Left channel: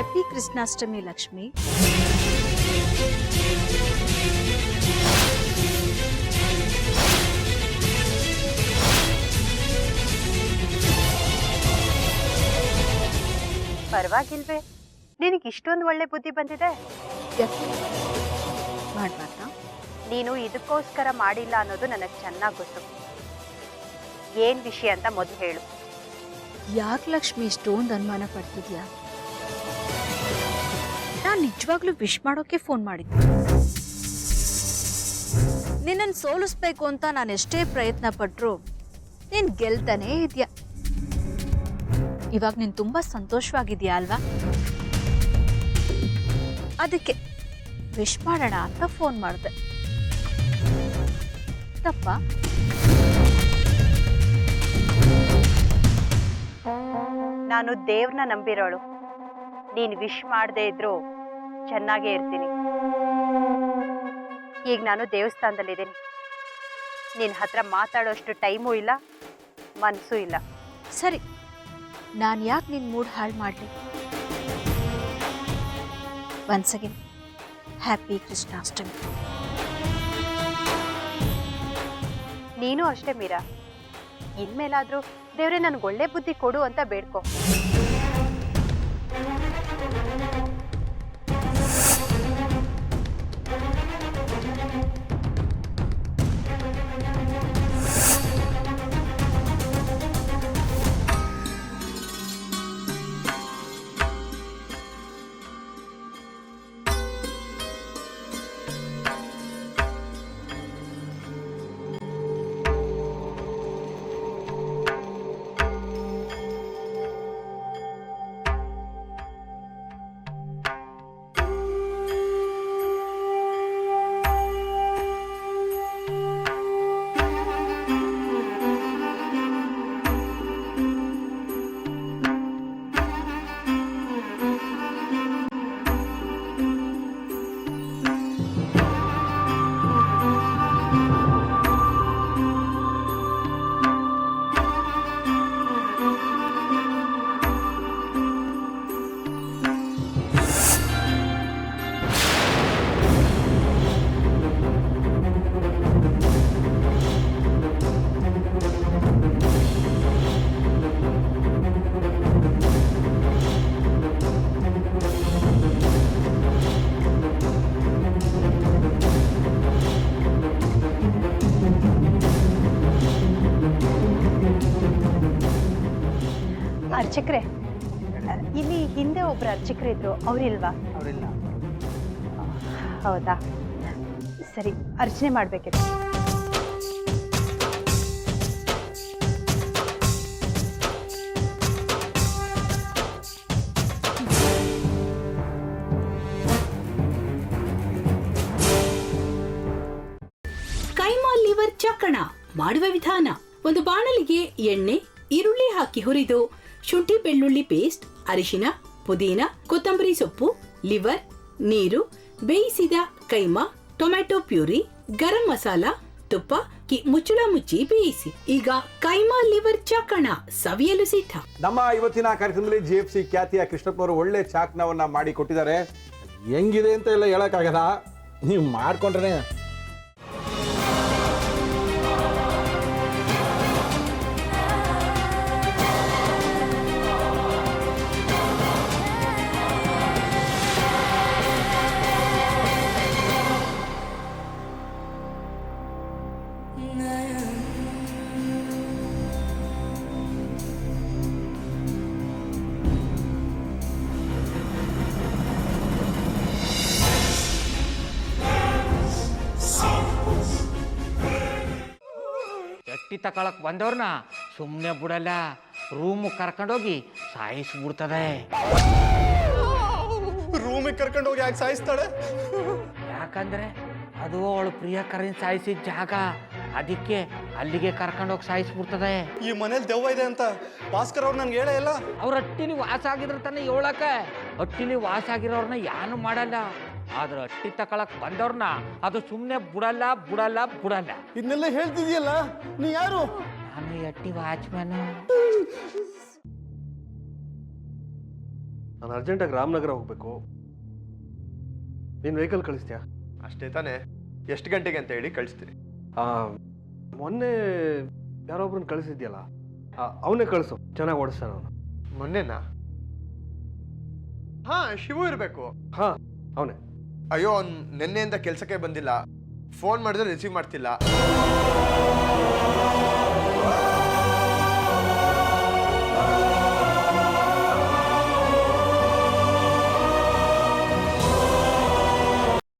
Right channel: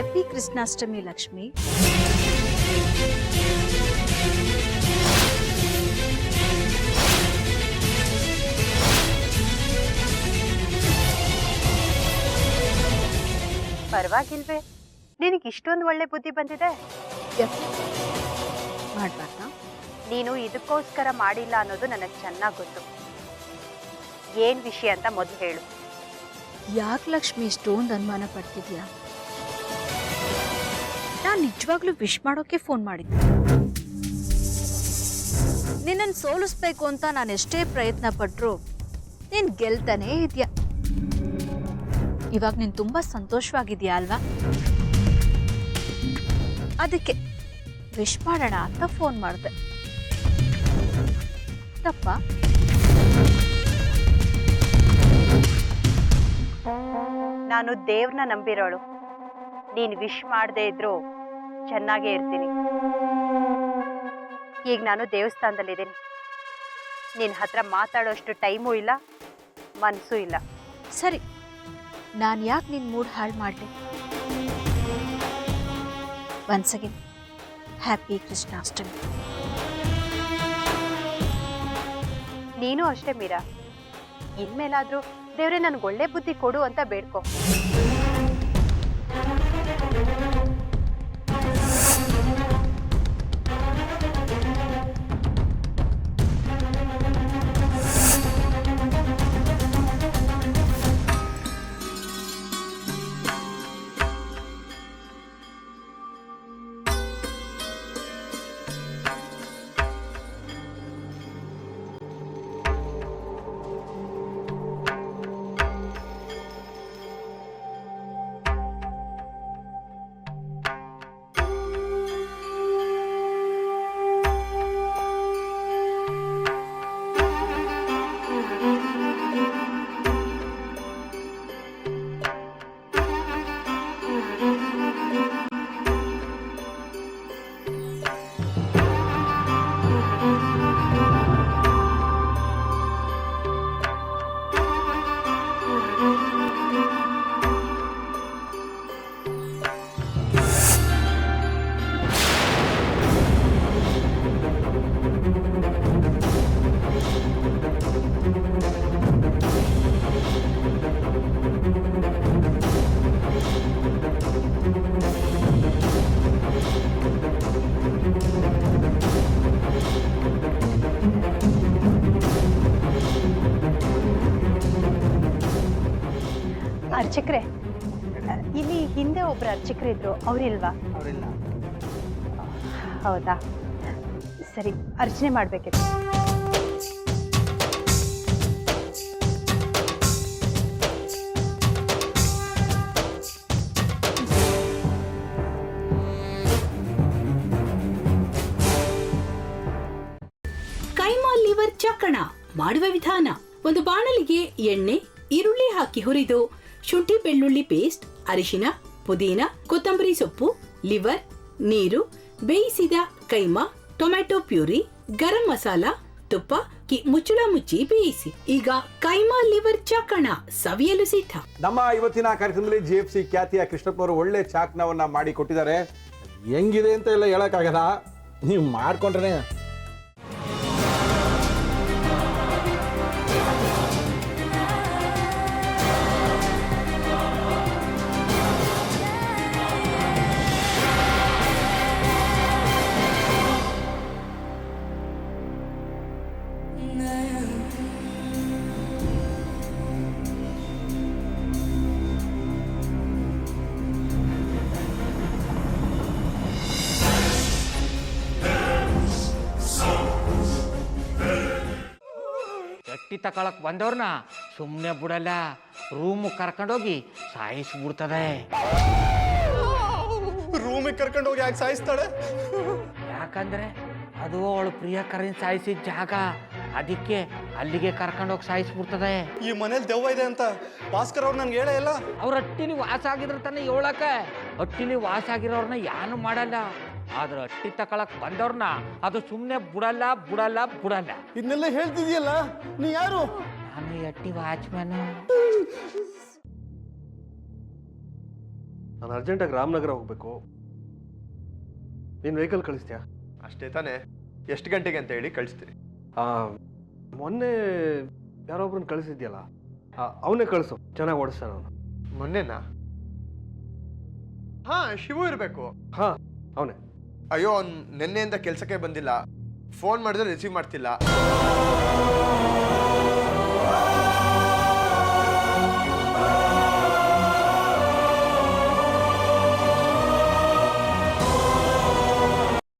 Happy Krishnashtami Lakshmi. ಪರವಾಗಿಲ್ವೇ, ನಿನಗೆ ಇಷ್ಟೊಂದು ಒಳ್ಳೆ ಬುದ್ಧಿ ಬಂದಿದೆ. ಮಾಡ್ಬಾರ್ದಾ? ನೀನು ಇದಕ್ಕೋಸ್ಕರ ಮಾಡಿಲ್ಲ ಅನ್ನೋದು ನನಗೆ ಚೆನ್ನಾಗಿ ಗೊತ್ತು. ಏನ್ ವಿಷಯ ಅಂತ ಮೊದಲು ಹೇಳು. ಯಾಕೆ ಲಕ್ಷ್ಮಿ ಇಷ್ಟೊಂದು ಅನುಮಾನ ಪಡ್ತಿದ್ಯಾ? ನಾನು ನಿಜವಾಗ್ಲೂ ವಿಶ್ ಮಾಡೋಕೆ ಫೋನ್ ಮಾಡಿದ್ದೆ. ನಿನ್ನನ್ನು ಸೋಲಿಸ್ಬೇಕು ಅಂತ ನಾನು ಎಷ್ಟೇ ಪ್ರಯತ್ನ ಪಟ್ಟರು ನೀನು ಗೆಲ್ತಾನೇ ಇದೆಯಾ. ಇವಾಗ ನೀನು ತುಂಬ ಸಂತೋಷವಾಗಿದೆಯಾ ಅಲ್ವಾ? ಅದಕ್ಕೆ ವಿಶ್ ಮಾಡೋಣ ಅಂತ ಫೋನ್ ಮಾಡಿದೆ. ತಪ್ಪ? ನಾನು ದೇವ್ರನ್ನ ನಂಬಿರೋಳು. ನೀನು ವಿಶ್ ಮಾಡದೇ ಇದ್ರು ಚೆನ್ನಾಗೇ ಇರ್ತೀನಿ. ಈಗ ನಾನು ದೇವಸ್ಥಾನದಲ್ಲಿದ್ದೀನಿ. ನಿನ್ನ ಹತ್ರ ಮಾತಾಡೋಷ್ಟು ಟೈಮೂ ಇಲ್ಲ, ಮನಸ್ಸೂ ಇಲ್ಲ. ಸರಿ, ನಾನು ಯಾಕೆ ನಿನ್ನ ಮೂಡ್ ಹಾಳು ಮಾಡಲಿ? Once again happy Krishnashtami. ನೀನು ಅಷ್ಟೇ ಮೀರಾ. ಇನ್ಮೇಲಾದ್ರೂ ದೇವ್ರೆ ನನ್ಗೆ ಒಳ್ಳೆ ಬುದ್ಧಿ ಕೊಡು ಅಂತ ಬೇಡ್ಕೊ. ಅರ್ಚಕ್ರೆ, ಇಲ್ಲಿ ಹಿಂದೆ ಒಬ್ರು ಅರ್ಚಕರಿದ್ರು, ಅವರಿಲ್ವಾ? ಅವರಿಲ್ಲ. ಹೌದಾ, ಸರಿ, ಅರ್ಚನೆ ಮಾಡ್ಬೇಕಿತ್ತು. ಕೈಮಾ ಲಿವರ್ ಚಕ್ಕಣ ಮಾಡುವ ವಿಧಾನ: ಒಂದು ಬಾಣಲಿಗೆ ಎಣ್ಣೆ, ಈರುಳ್ಳಿ ಹಾಕಿ ಹುರಿದು ಶುಂಠಿ ಬೆಳ್ಳುಳ್ಳಿ ಪೇಸ್ಟ್, ಅರಿಶಿನ, ಪುದೀನ, ಕೊತ್ತಂಬರಿ ಸೊಪ್ಪು, ಲಿವರ್, ನೀರು, ಬೇಯಿಸಿದ ಕೈಮಾ, ಟೊಮ್ಯಾಟೊ ಪ್ಯೂರಿ, ಗರಂ ಮಸಾಲ, ತುಪ್ಪ ಮುಚ್ಚಳ ಮುಚ್ಚಿ ಬೇಯಿಸಿ. ಈಗ ಕೈಮಾ ಲಿವರ್ ಚಾಕಣ ಸವಿಯಲು ಸಿದ್ಧ. ನಮ್ಮ ಇವತ್ತಿನ ಕಾರ್ಯಕ್ರಮದಲ್ಲಿ GFC ಖ್ಯಾತಿಯ ಕೃಷ್ಣಪ್ಪನವರು ಒಳ್ಳೆ ಚಾಕ್ನವನ್ನ ಮಾಡಿ ಕೊಟ್ಟಿದ್ದಾರೆ. ಹೆಂಗಿದೆ ಅಂತ ಎಲ್ಲ ಹೇಳಕ್ಕಾಗಲ್ಲ, ನೀವು ಮಾಡ್ಕೊಂಡ್ರೆ. ಎಟ್ಟಿ ತಕೊಳಕ್ ಬಂದವ್ರನ್ನ ಸುಮ್ಮನೆ ಬಿಡಲ್ಲ, ರೂಮ್ ಕರ್ಕೊಂಡೋಗಿ ಸಾಯಿಸ್ಬಿಡ್ತದೆ. ರೂಮಿಗೆ ಕರ್ಕೊಂಡೋಗಿ ಯಾಕೆ ಸಾಯಿಸ್ತಾಳೆ? ಯಾಕಂದ್ರೆ ಅದು ಅವಳು ಪ್ರಿಯಕರನ್ ಸಾಯಿಸಿದ ಜಾಗ, ಅದಕ್ಕೆ ಅಲ್ಲಿಗೆ ಕರ್ಕೊಂಡೋಗಿ ಸಾಯಿಸ್ಬಿಡ್ತದೆ. ಈ ಮನೇಲಿ ದೆವ್ವ ಇದೆ ಅಂತ ಭಾಸ್ಕರ್ ಅವ್ರು ನನ್ಗೆ ಹೇಳೇ ಇಲ್ಲ. ಅವ್ರ ಹಟ್ಟಿಲಿ ವಾಸ ಆಗಿದ್ರ ತಾನೆ ಹೇಳಕ. ಹಟ್ಟಿಲಿ ವಾಸ ಆಗಿರೋರ್ನ ಯಾನು ಮಾಡಲ್ಲ, ಆದ್ರೆ ಹಟ್ಟಿ ತಕೊಳಕ್ ಬಂದವ್ರನ್ನ ಅದು ಸುಮ್ಮನೆ ಬಿಡಲ್ಲ ಬಿಡಲ್ಲ ಬಿಡಲ್ಲ. ಇದನ್ನೆಲ್ಲ ಹೇಳ್ತಿದ್ಯಲ್ಲ, ನೀ ಯಾರು? ನಾನು ಹಟ್ಟಿ ವಾಚ್ಮ್ಯಾನ್. ನಾನು ಅರ್ಜೆಂಟಾಗಿ ರಾಮನಗರ ಹೋಗಬೇಕು. ನೀನು ವೆಹಿಕಲ್ ಕಳಿಸ್ತೀಯಾ? ಅಷ್ಟೇ ತಾನೇ, ಎಷ್ಟು ಗಂಟೆಗೆ ಅಂತ ಹೇಳಿ ಕಳಿಸ್ತೀನಿ. ಮೊನ್ನೆ ಯಾರೊಬ್ರನ್ನ ಕಳಿಸಿದ್ಯಲ್ಲ, ಅವನೇ ಕಳಿಸು, ಚೆನ್ನಾಗಿ ಓಡಿಸ್ತಾನೆ ಅವನು. ಮೊನ್ನೆನಾ? ಹಾಂ, ಶಿವು ಇರಬೇಕು. ಹಾಂ, ಅವನೇ. ಅಯ್ಯೋ, ಅವ್ನು ನಿನ್ನೆಯಿಂದ ಕೆಲಸಕ್ಕೆ ಬಂದಿಲ್ಲ. ಫೋನ್ ಮಾಡಿದ್ರೆ ರಿಸೀವ್ ಮಾಡ್ತಿಲ್ಲ.